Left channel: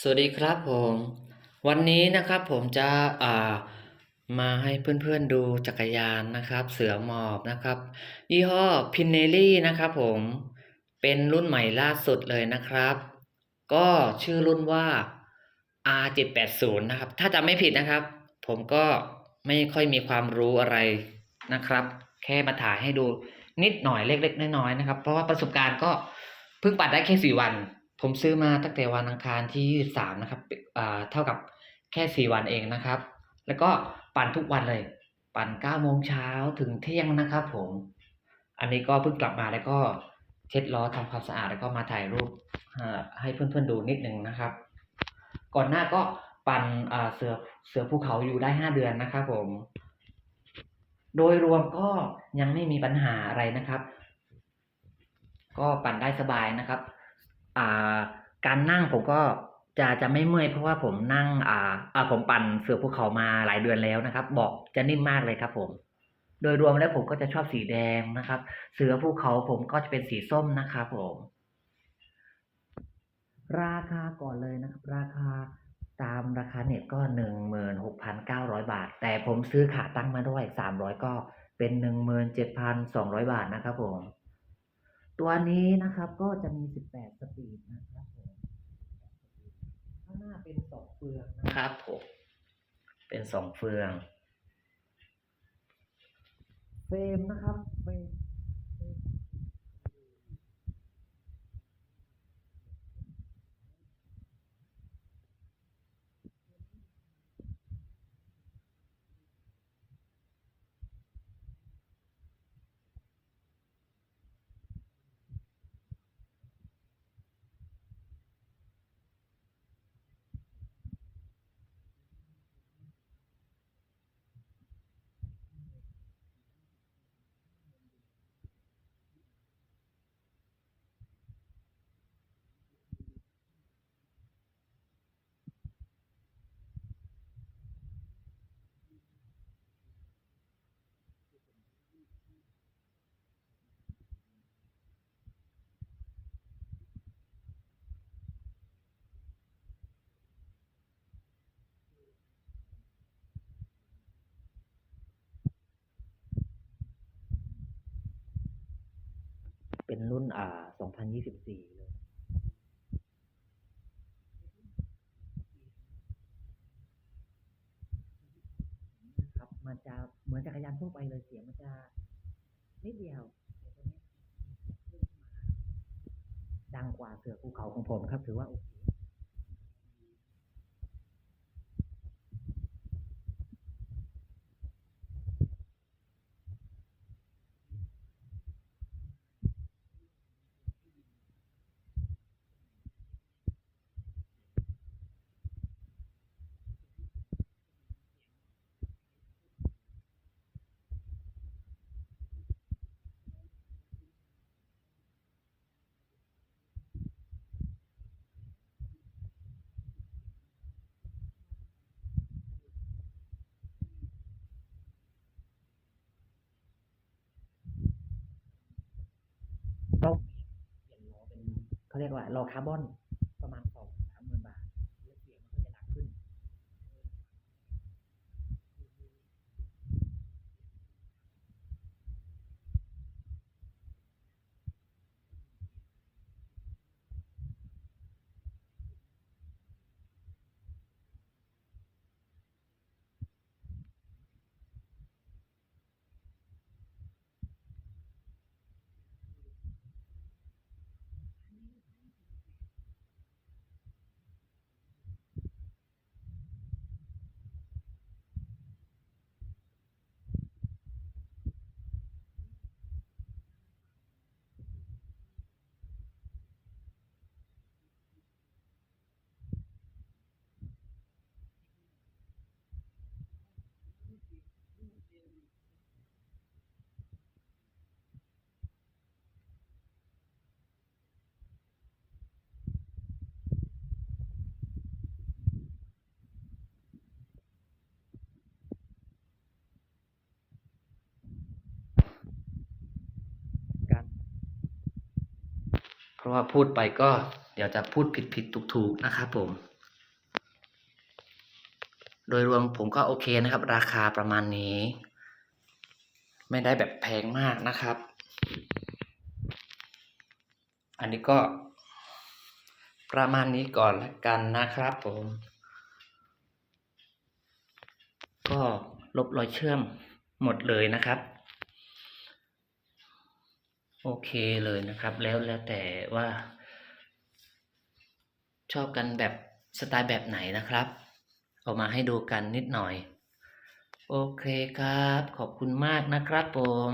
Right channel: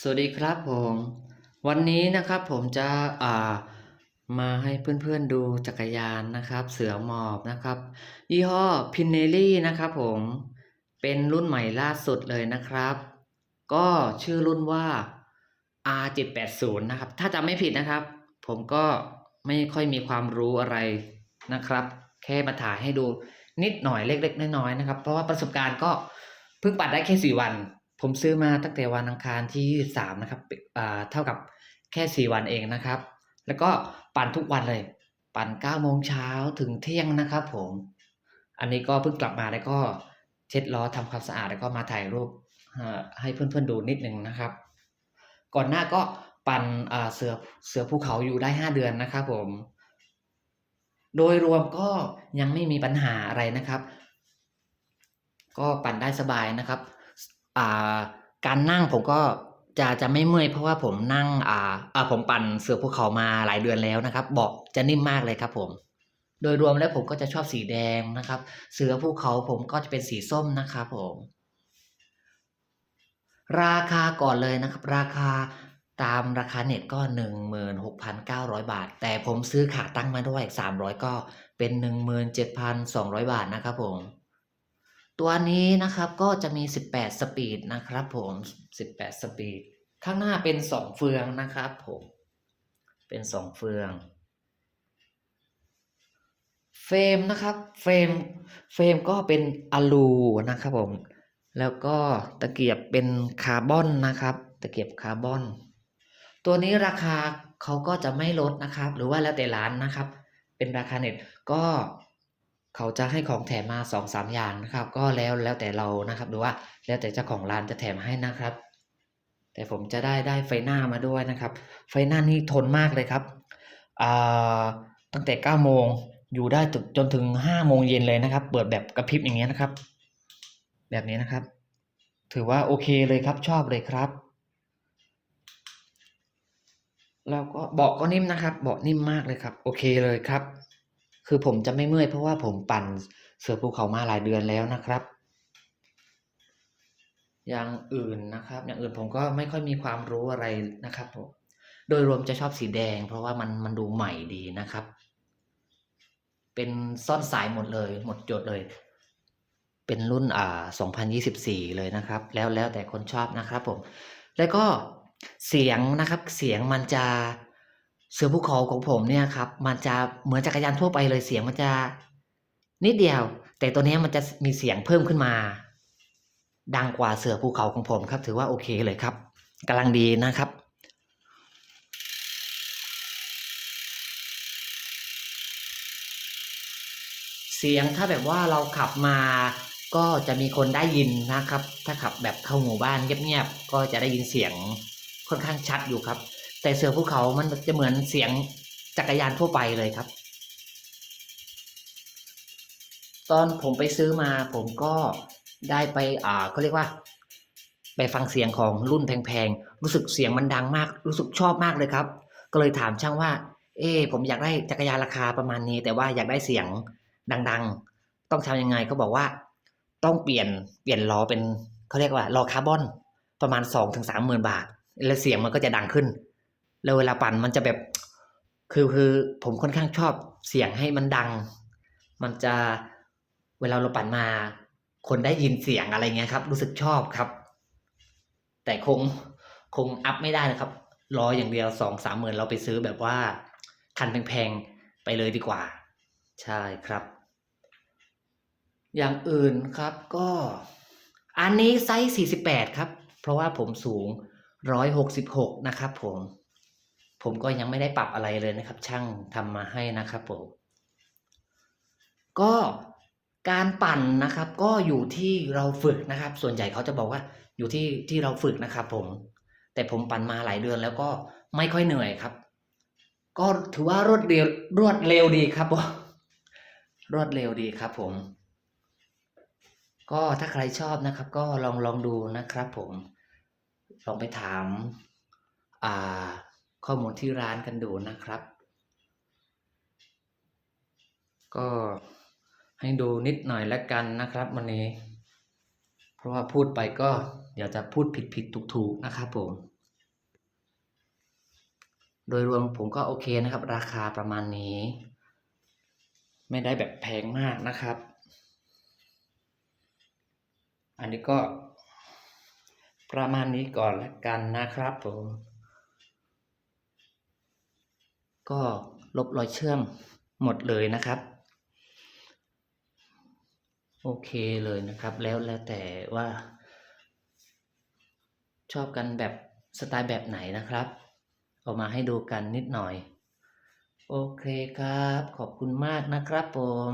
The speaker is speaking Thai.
สวัสดีครับผม วันนี้นะครับผมจะอ่ามาให้เพื่อนๆดูจักรยานนะครับ เสือหมอบนะครับ ยี่ห้อ Pinelli นะครับผมเป็นรุ่นใหม่ล่าสุดเลยนะครับ ก็ชื่อรุ่นว่า R780 นะครับ ถ้าจำไม่ผิดนะครับ ผมก็ไม่ค่อยมีความรู้อะไรนะครับ แค่มาถ่ายให้ดูนิดหน่อยเล็กๆน้อยๆนะครับ เพราะว่าประสบการณ์ก็เพิ่งปั่นได้แค่4วัน ผมซื้อมาตั้งแต่วันอังคารที่ 23 นะครับอ่าเท่ากับแค่ 4 วันเองนะครับ แล้วก็ปั่นทุกวันเลย ปั่น 9 โมงเช้าถึงเที่ยงนะครับผม อันนี้ก็เพิ่งกลับมาแล้วก็เช็ดล้อทำความสะอาดแล้วก็มาถ่ายรูปอ่าให้เพื่อนๆดูนิดหนึ่งนะครับ ก่อนหน้าก็ปั่นเสือเสือภูเขาอยู่ได้ 5 เดือนนะครับผม โดยรวมก็ยังไม่มีปัญหาอะไรนะครับ ก็ปั่นได้สบายนะครับ อ่าการนั่งผมก็จะจะไม่เมื่อยเพราะว่าผมนั่งอ่าอ่าผมปั่นเสือภูเขามาหลายเดือนแล้วนะครับบาะจะนิ่มมากเลยครับผม โดยรวมแล้วผมก็จะชอบสีแดงนะครับ เสือภูเขาผมก็จะเป็นสีส้มนะครับผม ราคาก่อนเลยนะครับ ราคาตามราคาเน็ตก็ 16,900 บาท แต่ผมซื้อขาตั้งมาด้วย 300 ก็เป็น 17,200 บาทนะครับผม ตัวนี้นะครับก็จะมี 18 สปีดนะครับผม 18 สปีด ข้างหน้าเป็น 2 เฟืองนะครับผม เป็น 2 เฟือง เฟรมนะครับเฟรมเฟรมก็เป็นอะลูนะครับผม แล้วก็ตะเกียบเป็นคาร์บอนนะครับ ตะเกียบคาร์บอน ตัวนี้ราคาเขาก็จะไม่ลดนะครับ หรือว่าแล้วแต่ร้านนะครับ เป็นราคาเน็ตก็ เขาจะให้ของแถมมาสองสามอย่างนะครับ ก็แล้วแล้วแต่เรานะครับหรือว่าแล้วแต่เจ้าของร้านจะแถมให้นะครับ แต่ผมจะได้ได้ไฟหน้ามาด้วยนะครับ ไฟหน้านี่ทนมากเลยครับตั้งแต่9โมงอยู่ได้จนจนถึง5โมงเย็นเลยนะครับ เปิดแบบกระพริบอย่างเงี้ยนะครับ แบบนี้นะครับ ถือว่าโอเคเลยครับชอบเลยครับแล้วก็เบาะก็นิ่มนะครับเบาะนิ่มมากเลยครับ โอเคเลยครับ คือผมจะไม่เมื่อยเพราะว่าผมปั่นเสือภูเขามาหลายเดือนแล้วนะครับ อย่างอื่นนะครับ อย่างอื่นผมก็ไม่ค่อยมีความรู้อะไรนะครับผมโดยรวมจะชอบสีแดง เพราะว่ามันมันดูใหม่ดีนะครับ เป็นซ่อนสายหมดเลย หมดจดเลย เป็นรุ่นอ่า 2024 เลยนะครับ แล้วแล้วแต่คนชอบนะครับผม แล้วก็เสียงนะครับ เสียงมันจะ เสือภูเขาของผมเนี่ยครับมันจะเหมือนจักรยานทั่วไปเลยเสียงมันจะนิดเดียว แต่ตัวเนี้ยมันจะมีเสียงเพิ่มขึ้นมา ดังกว่าเสือภูเขาของผมครับ ถือว่าโอเคเลยครับกำลังดีนะครับเสียงถ้าแบบว่าเราขับมาก็จะมีคนได้ยินนะครับ ถ้าขับแบบเข้าหมู่บ้านเงียบๆก็จะได้ยินเสียงค่อนข้างชัดอยู่ครับ แต่เสือภูเขามันจะเหมือนเสียงจักรยานทั่วไปเลยครับ ตอนผมไปซื้อมาผมก็ได้ไปอ่าเขาเรียกว่า ไปฟังเสียงของรุ่นแพงๆ รู้สึกเสียงมันดังมาก รู้สึกชอบมากเลยครับ ก็เลยถามช่างว่า เอ๊ผมอยากได้จักรยานราคาประมาณนี้ แต่ว่าอยากได้เสียงดังๆ ต้องทำยังไงก็บอกว่า ต้องเปลี่ยนเปลี่ยนล้อเป็นเขาเรียกว่าล้อคาร์บอนประมาณ2-3ถึงหมื่นบาท แล้วเสียงมันก็จะดังขึ้น แล้วเวลาปั่นมันจะแบบ คือคือผมค่อนข้างชอบเสียงให้มันดัง มันจะเวลาเราปั่นมา คนได้ยินเสียงอะไรเงี้ยครับ รู้สึกชอบครับ แต่คงคงอัพไม่ได้นะครับ รออย่างเดียวสองสามหมื่นเราไปซื้อแบบว่า คันแพงๆไปเลยดีกว่า ใช่ครับ อย่างอื่นครับก็ อันนี้ไซส์48 ครับ เพราะว่าผมสูง 166 นะครับผม ผมก็ยังไม่ได้ปรับอะไรเลยนะครับ ช่างทำมาให้นะครับผม ก็การปั่นนะครับ ก็อยู่ที่เราฝึกนะครับ ส่วนใหญ่เขาจะบอกว่าอยู่ที่ที่เราฝึกนะครับผม แต่ผมปั่นมาหลายเดือนแล้วก็ไม่ค่อยเหนื่อยครับ ก็ถือว่ารวดเร็วรวดเร็วดีครับผมรวดเร็วดีครับผม ก็ถ้าใครชอบนะครับ ก็ลองลองดูนะครับผม ลองไปถามอ่า ข้อมูลที่ร้านกันดูนะครับ ก็ให้ดูนิดหน่อยแล้วกันนะครับวันนี้ เพราะว่าพูดไปก็เดี๋ยวจะพูดผิดผิดถูกถูกนะครับผม โดยรวมผมก็โอเคนะครับ ราคาประมาณนี้ ไม่ได้แบบแพงมากนะครับ อันนี้ก็ประมาณนี้ก่อนแล้วกันนะครับผม ก็ลบรอยเชื่อมหมดเลยนะครับ โอเคเลยนะครับ แล้วแล้วแต่ว่า ชอบกันแบบสไตล์แบบไหนนะครับเอามาให้ดูกันนิดหน่อย โอเคครับ ขอบคุณมากนะครับผม